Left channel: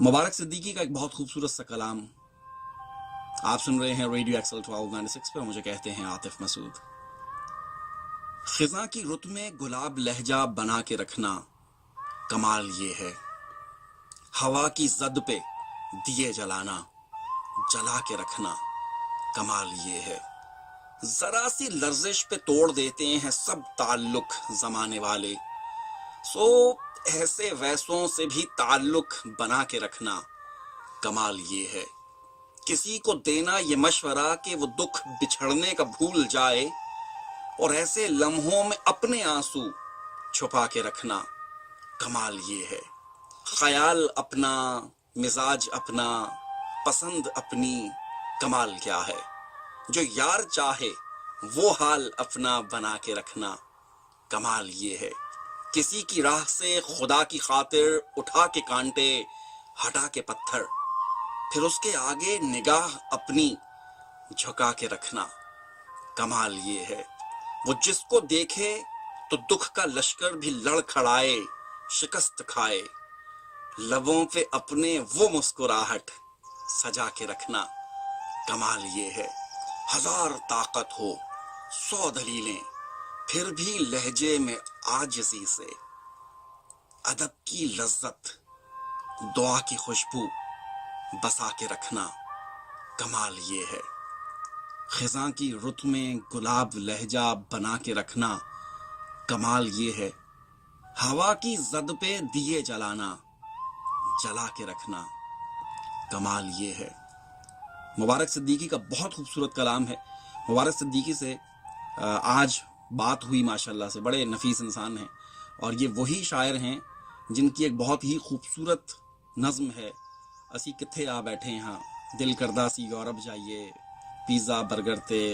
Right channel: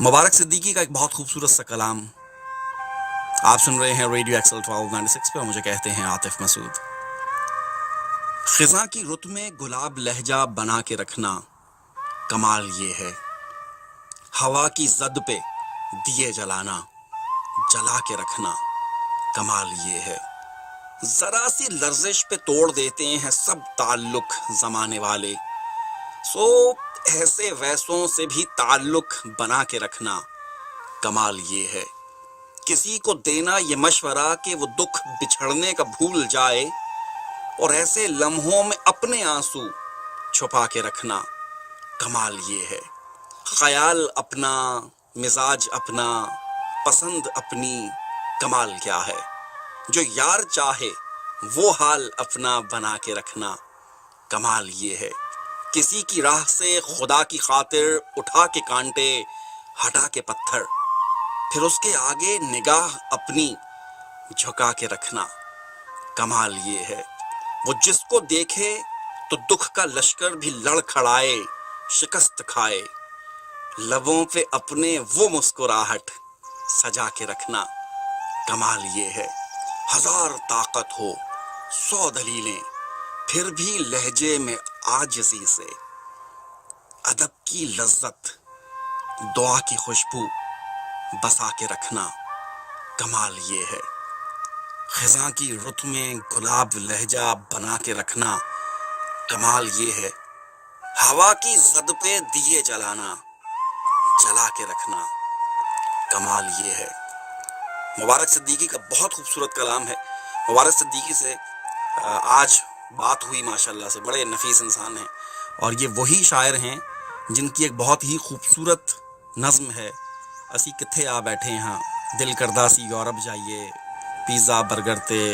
مبارک صدیقی کا ایک بہت خوبصورت سا کلام آپ سن رہے ہیں ریڈیو ایکسل 1296 پہ. مجھے کہتے ہیں عاطف مسعود. خزاں کی رت میں گلاب لہجہ بنا کے رکھنا کمال یہ ہے. ہوا کی زد پہ دیے جلانا جلا کے رکھنا کمال یہ ہے. ذرا سی لرزش پہ توڑ دیتے ہیں سب تعلق زمانے والے. سو ایسے ویسوں سے بھی تعلق بنا کے رکھنا کمال یہ ہے. کسی کو دینا یہ مشورہ کہ وہ دکھ بچھڑنے کا بھول جائے اور ایسے لمحوں میں اپنے آنسو چھپا کے رکھنا کمال یہ ہے. خیال اپنا، مزاج اپنا، پسند اپنی، کمال کیا ہے. جو یار چاہے وہ حال اپنا بنا کے رکھنا کمال یہ ہے. کسی کی راہ سے خدا کی خاطر اٹھا کے کانٹے ہٹا کے پتھر، پھر اس کے آگے نگاہ اپنی جھکا کے رکھنا کمال یہ ہے. وہ جس کو دیکھے تو دکھ کا لشکر بھی لڑ کھڑائے، شکست کھائے، لبوں پہ اپنے وہ مسکراہٹ سجا کے رکھنا کمال یہ ہے. ہزار طاقت ہو، 100 دلیلیں، پھر بھی لہجے میں عاجزی سے ادب کی لذت، دعا کی خوشبو بسا کے رکھنا کمال یہ ہے. خزاں کی رت میں گلاب لہجہ بنا کے رکھنا کمال یہ ہے. ہوا کی زد پہ دیے جلانا جلا کے رکھنا کمال یہ ہے. مبارک صدیقی کا بہت خوبصورت کلام ہے. مبارک صدیقی سے آج بات ہوئی ماشاءاللہ سے. بڑے نفیس انسان ہیں اور یہ وہی شاعر ہیں جن کی ایک بہت ہی خوبصورت نظم ہے، اسی کتھے آ بیٹھے ہاں دل کردہ سی یورپ جائیے، پیزا برگر تے